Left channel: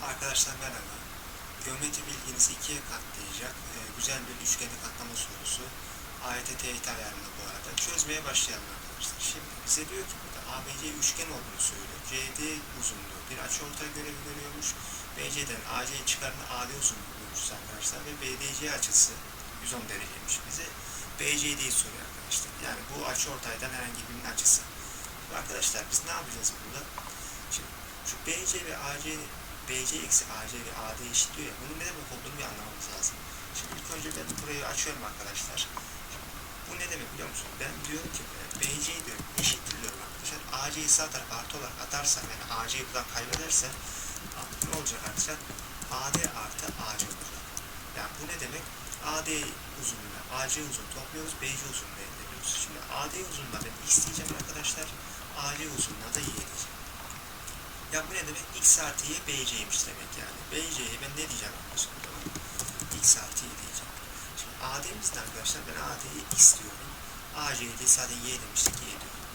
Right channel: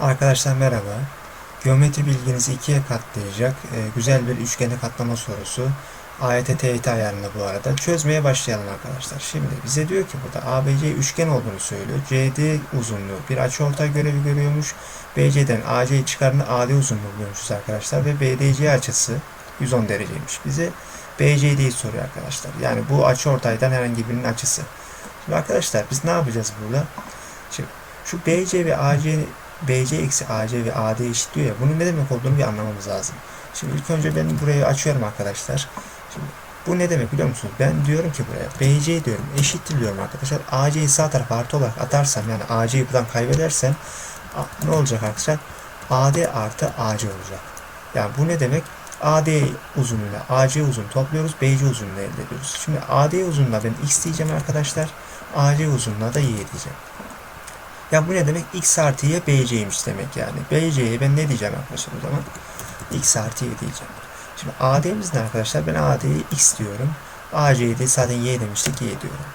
Arkadaşlar merhaba. Geometri bilginizi ikiye katlayacak e, güzel bir üçgeni katlama sorusu. AYT TYT ayarında bu arada. Çözmeye başlayalım arkadaşlar. Şimdi bize diyor ki burada ABC üçgen olduğunu söylüyor. CD uzunluğu bir açıortay görevi görüyormuş. BC'den AC çıkarını AD uzunluğu buluyormuşuz arkadaşlar. Ve BDC açısı 110 dereceymiş. Bize BCD'yi soruyor arkadaşlar. Yani bu açıortaydan herhangi birinin açısı. Şimdi arkadaşlar biz ne yapacağız burada? Şimdi şu BC ve AC BC eksi AC ve AD eşitliyor ya. Bunun ne demek olduğunu bir anlamamız lazım. Şimdi ilk önce ben burayı açıyorum arkadaşlar. Şimdi bu ne demek biliyor musunuz? Ben diyorum ki buraya BC diyorum eşittir diyorum arkadaşlar. AC'yi sağ tarafa artı olarak atarsam yani AC'yi buradan kaybedersem ne olacak arkadaşlar? AD artı AC olacak. Yani bu ne demek? AD uzunluğuyla AC uzunluğu topluyoruz. BC uzunluğunu elde ediyoruz. Şimdi AD uzunluğuna ben X diyeceğim arkadaşlar. AC uzunluğuna da Y diyeceğim. Ya bu ne demek? X artı Y BC'ymiş demek yani. BC'ye ben ne diyeceğim arkadaşlar o zaman? X artı Y diyeceğim. Şimdi AD'miz ne arkadaşlar? Ben AD'ye X diyorum. AC'ye de zaten Y demiştik Y diyorum.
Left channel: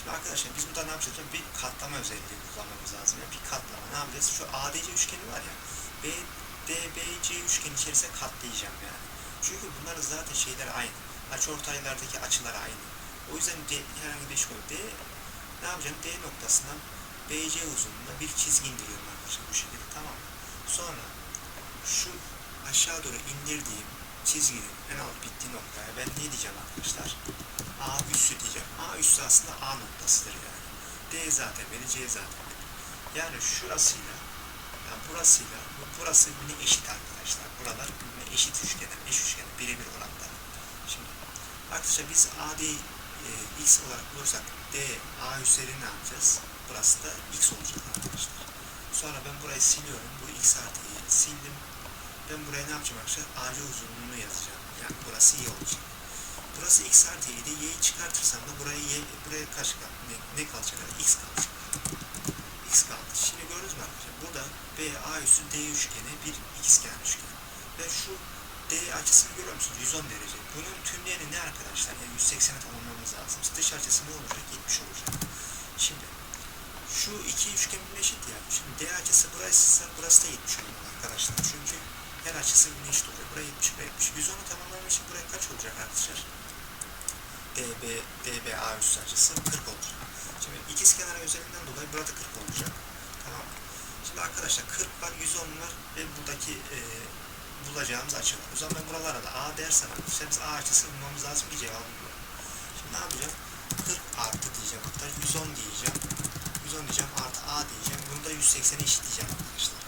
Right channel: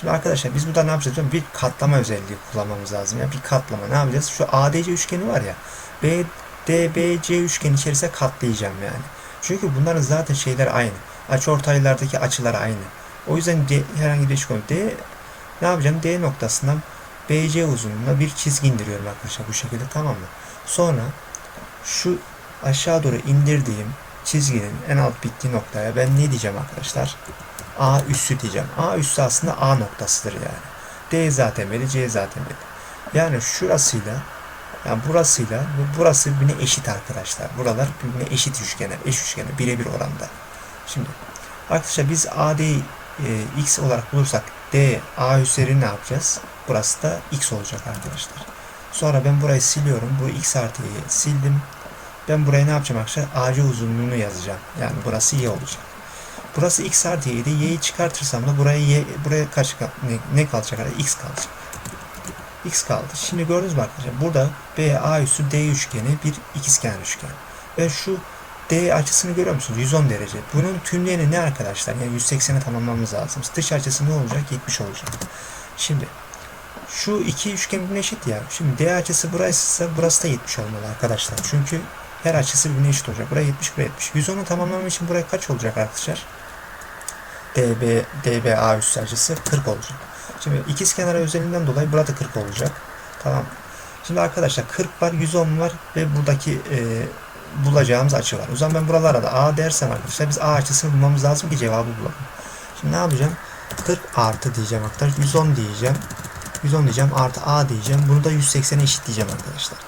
Şimdi arkadaşlar biz burada ne yapacağız? Bir katlama özelliği kullanmamız lazım. Yani bir katlama. Ne yapacağız? Şu ADC üçgeni var ya. BDBC üçgeni içerisine katlayacağım yani. Çünkü bunların zaten şeyler aynı. Açıortaylardaki açılar aynı. O yüzden D, herhangi bir üçgen D ne yapacağım? D noktasından BC uzunluğuna bir çizgi indiriyorum arkadaşlar bu şekilde tamam mı? Sonra şu aşağı doğru indirdiğim çizginin en alt bittiği noktaya ben ne diyeceğim arkadaşlar? A üssü diyeceğim. A üssü aslında A noktasıdır yani. D zaten belli, C zaten belli. Yani şurasıyla yani burasıyla bu burası birbirine eşit arkadaşlar. Buralar birbirine eşit üçgenler, eş üçgenler birebir oranda. Şimdi arkadaşlar biz AD'yi e, X olarak bulursak D A üzeri ne yapacağız? Burası da X olacak arkadaşlar. Sonra ben burayı siliyorum. Bu X artıyı sildim. Ben buraya ne yapacağım arkadaşlar? AC uzunluğunu yazacağım. Yani burası Y olacak. Burası X artı Y'ydi. Y'yi çıkartırsam da buraya Y, buraya kaç ne, ne kalacak? X kalacak. X kaldı. Şimdi gördünüz mü arkadaşlar? Burada BA üssü D üçgeni bir ikizkenar üçgen. Ve şu D açısını görüyor musunuz? 110 derece. Bunun tümleyeni ne arkadaşlar? Yani 180'e tamamlamamız lazım. Dış açısı ne olacak? 70 olacak. Şimdi şu iki üçgen birbirine eşit ya. Şimdi D açısı burası burası da 70 olmalı arkadaşlar. Çünkü her açısı birbirine eşit olacak. Buraya 70, buraya 70. 110'u tamamlamam için buraya kaç olacak arkadaşlar? DB, DBA üstü açısı 40 olacak. Şimdi ikiz kenara özelliğinden dolayı burada 40 olacak. Tamam. Şimdi arkadaşlar 40 var, 110 var ve buradaki e, bulacağımız açı var. O zaman ben buralara da A dersem arkadaşlar biz A açısını bulmamız lazım ki cevabı bulalım. Şimdi ne yapacağım? 40 artı diyeceğim arkadaşlar. 110 diyeceğim. 110 diyeceğim artı A diyeceğim. Bunu da 180'e eşit diyeceğim arkadaşlar.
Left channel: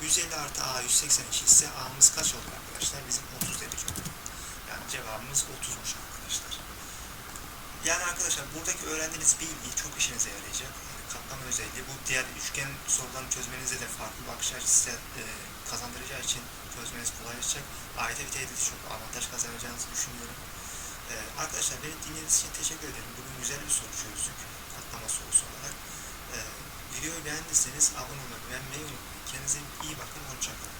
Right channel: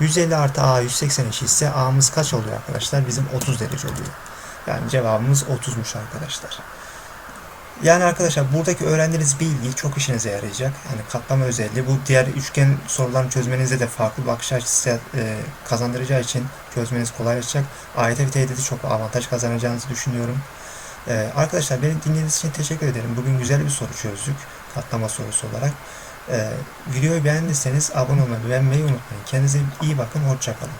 150 artı A 180 eşitse A'mız kaç oluyor arkadaşlar? Bizim 30 derece oluyor. Yani cevabımız 30'muş arkadaşlar. Yani arkadaşlar buradaki öğrendiğiniz bilgi çok işinize yarayacak. Yani katlama özelliği bu diğer üçgen sorularını çözmenizde de farklı bakış açısı e, kazandıracağı için çözmeniz kolaylaşacak. AYT ve TYT'de çok avantaj kazanacağınızı düşünüyorum. E, arkadaşlar beni dinlediğiniz için teşekkür ederim. Bugün güzel bir soru çözdük. Katlama sorusu olarak. E, videoyu beğendiyseniz abone olmayı, beğenmeyi unutmayın. Kendinize iyi bakın. Hoşçakalın.